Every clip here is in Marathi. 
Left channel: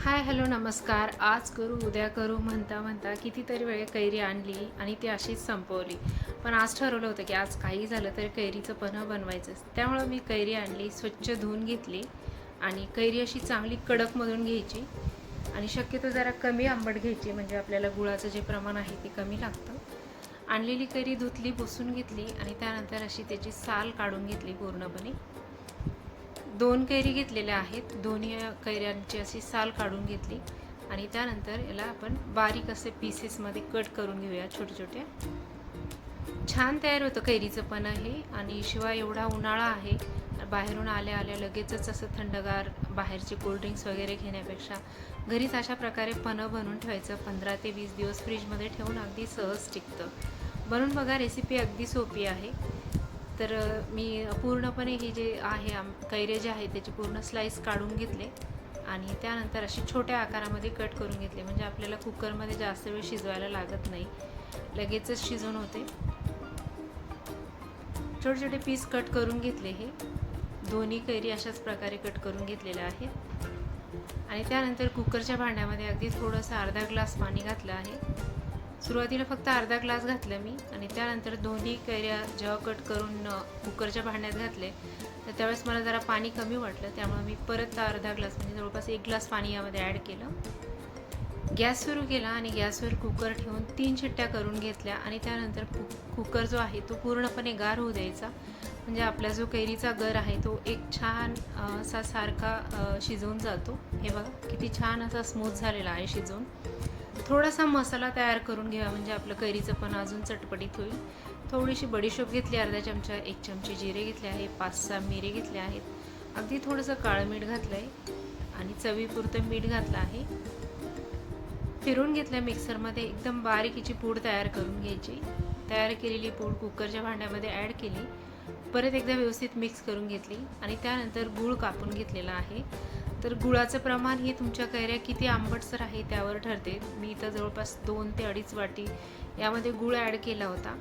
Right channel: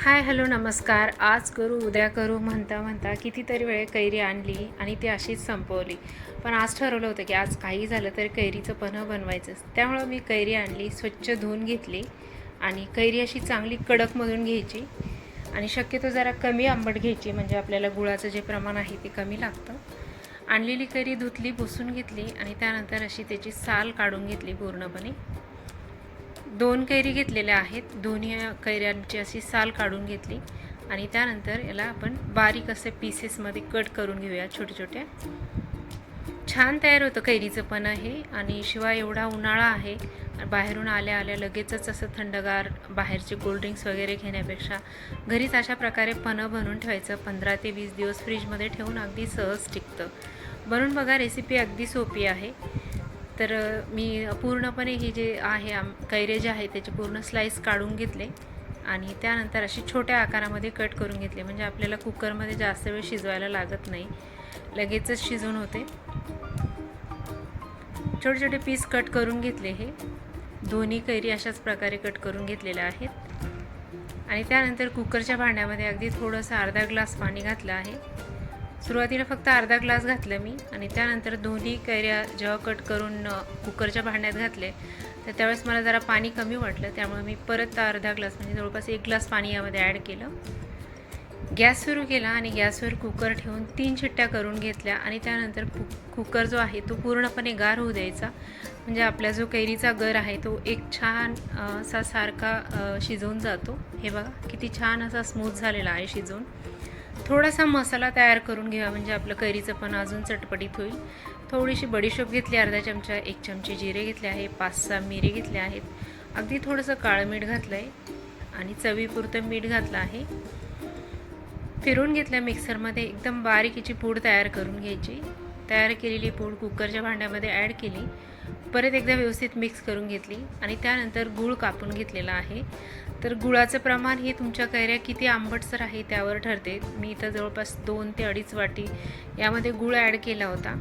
हाय हॅलो नमस्कार. आज करू उद्या करू म्हणता म्हणता कितीतरी वेळ कैरी आणली आणि ती अशीच संपवली. पण आज ठरवलं होतं की आज काही झालं तरी कैरीचं पन्हं बनवायचंच. त्यामुळं मी कैरी आणली, स्वच्छ धुवून घेतली आणि कैरी अशी चांगली कडकमधून घ्यायची आणि शक्यतो जरा कमी आंबट घ्यायची, म्हणजे आपल्याला गुळाचं जे प्रमाण आहे ते कमी लागतं. आणलेली कैरी धुतली, पुसून घेतली आणि त्यानंतर अशी त्याची साल काढून घेतली पूर्णपणे. 2 कैरी घेतलेल्या आहेत. दोन्ही कैऱ्यांची अशी साल काढून घेतली आणि त्यानंतर याला आपण बारीक असे पीसेसमध्ये कट करून घेऊया, छोटे छोटे. छान तयार होतं कैरीचं पन्हं हे. आणि शिवाय एवढा उन्हाळा आहे, बाहेरून आल्या आल्या लगेचच असं थंडगार बाहेरचे कोल्ड्रिंक्स वगैरे घेण्यापेक्षा घरीच अशा प्रकारे पन्हं बनवून ठेवायचं. 15 ते 20 दिवस फ्रीजमध्ये ठेवून अगदी सहज टिकतं. बनवून बघा, रेसिपी अगदी सोपी आहे. तर मी पूर्णपणे ही जे आहे कैरे जे आहे त्याचे पूर्ण स्लाइस काढून घेतले आणि त्यानंतर अशी छोट्या आकारामध्ये कट करून घेतले, म्हणजे आपल्याला कुकरमध्ये जास्त वेळ शिजवायला लागत नाही, लगेचच शिजून होते. छोटे छोटे पीस कट करून घेतले. हे दोन्ही कैरी अशाच प्रकारे कट करून घेतलेल्या आहेत आणि त्यानंतर कुकरच्या भांड्यामध्ये अगदी थोडंसं अर्धा ग्लास पाणी घातलं आहे. सुरुवातीला फक्त अर्धा ग्लास घातलं मी आणि त्यानंतर दोन्ही कैऱ्या जेव्हा कट करून कुकरच्या भांड्यात घातले तर त्यावेळेस मला जरा पाणी कमी वाटलं, त्यामुळे मी परत अर्धा ग्लास म्हणजे जवळपास 1 ग्लास पाणी यामध्ये ॲड केलं. गॅस सुरू केला आणि गॅसवर कुकर ठेवून 3 शिट्ट्या करून घेतल्या आणि त्यानंतर कुकर जो आहे तो पूर्णपणे गार होऊ द्यायचा, म्हणजे आपला जो कैरीचा गर आहे तो एक छान असा सारखा शिजवून जातो. हे बघा किती छान असा स्मूथ झालेला आहे शिजवून. थोडासा मसाला तयार करून घ्या, म्हणजे आपलं कैरीचं पण अजून चटपटीत होईल. थोडीशी बडीशोप घेतली अर्धा चमचा, 1 चमचे जिरे घेतले आहे, 5-6 मिरी घेतले आहेत, अगदी थोडंसं काळं मीठ घातलं आहे आणि चवीपुरतं मीठ घातलं आहे. फिरून घेतल्या मिक्सरमध्ये. एकदम बारीक हिची पूड तयार करून घ्यायची. तयार केलेली पूड कुकरच्या भांड्यामध्ये ॲड केली, परत एकदा व्यवस्थित मिक्स करून घेतली आणि त्यानंतर गूळ कापून घेतलेला आहे. तर गुळाचं प्रमाण हे तुमच्या कैऱ्या किती आंबटसर आहे त्यावर ठरते. मी इथं जवळपास 2 ते 2.5 वाटी यामध्ये गूळ ॲड केला होता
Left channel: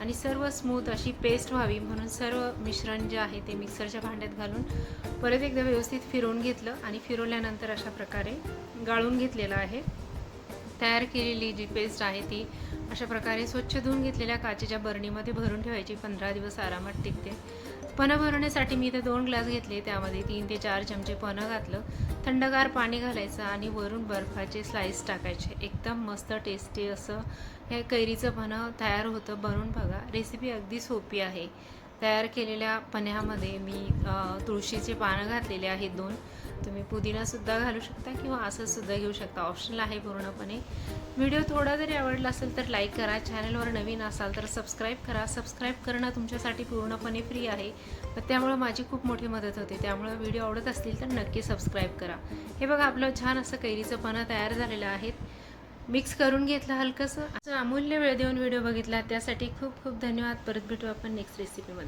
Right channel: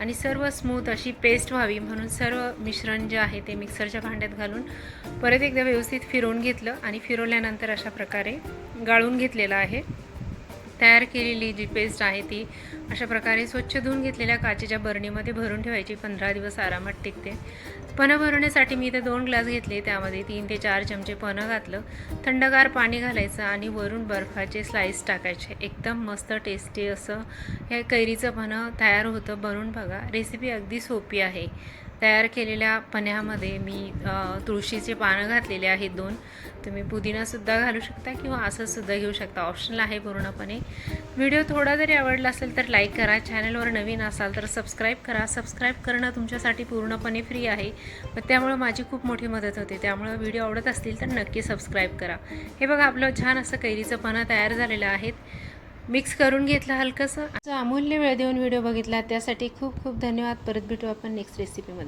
आणि सर्व स्मूथ अशी पेस्ट व्हावी म्हणून सर्व मिश्रण जे आहे ते मिक्सरच्या भांड्यात घालून परत एकदा व्यवस्थित फिरवून घेतलं आणि फिरवल्यानंतर अशा प्रकारे गाळून घेतलेलं आहे. तयार केलेली जी पेस्ट आहे ती अशा प्रकारे स्वच्छ धुवून घेतलेल्या काचेच्या बरणीमध्ये भरून ठेवायची. 15 दिवस आरामात टिकते. पन्हं भरवण्यासाठी मी इथे 2 ग्लास घेतले, त्यामध्ये 3 ते 4 चमचे पन्हं घातलं. थंडगार पाणी घालायचं आणि वरून बर्फाचे स्लाइस टाकायचे. एकदम मस्त टेस्टी असं हे कैरीचं पन्हं तयार होतं. बनवून बघा, रेसिपी अगदी सोपी आहे. तयार केलेल्या पन्ह्यामध्ये मी तुळशीचे पानं घातलेले आहेत 2. तुम्ही पुदिनासुद्धा घालू शकता किंवा असंसुद्धा घेऊ शकता, ऑप्शनल आहे पूर्णपणे. व्हिडिओ थोडा जरी आवडला असेल तर लाईक करा. चॅनलवर नवीन असाल तर सबस्क्राईब करा. सबस्क्राईब करणं तुमच्यासाठी पूर्णपणे फ्री आहे, त्यामुळं माझी खूप मोठी मदत होते. त्यामुळं व्हिडिओ आवडत असतील तर नक्की सबस्क्राईब करा. हे बघा, आपलं छान असं कैरीचं पन्हं तयार झालेलं आहे. मिक्स करून घेतलं हलकंसं. अमूल्य वेळ देऊन व्हिडिओ बघितला त्यासाठी खूप खूप धन्यवाद. परत भेटू आपण नेक्स्ट रेसिपीमध्ये.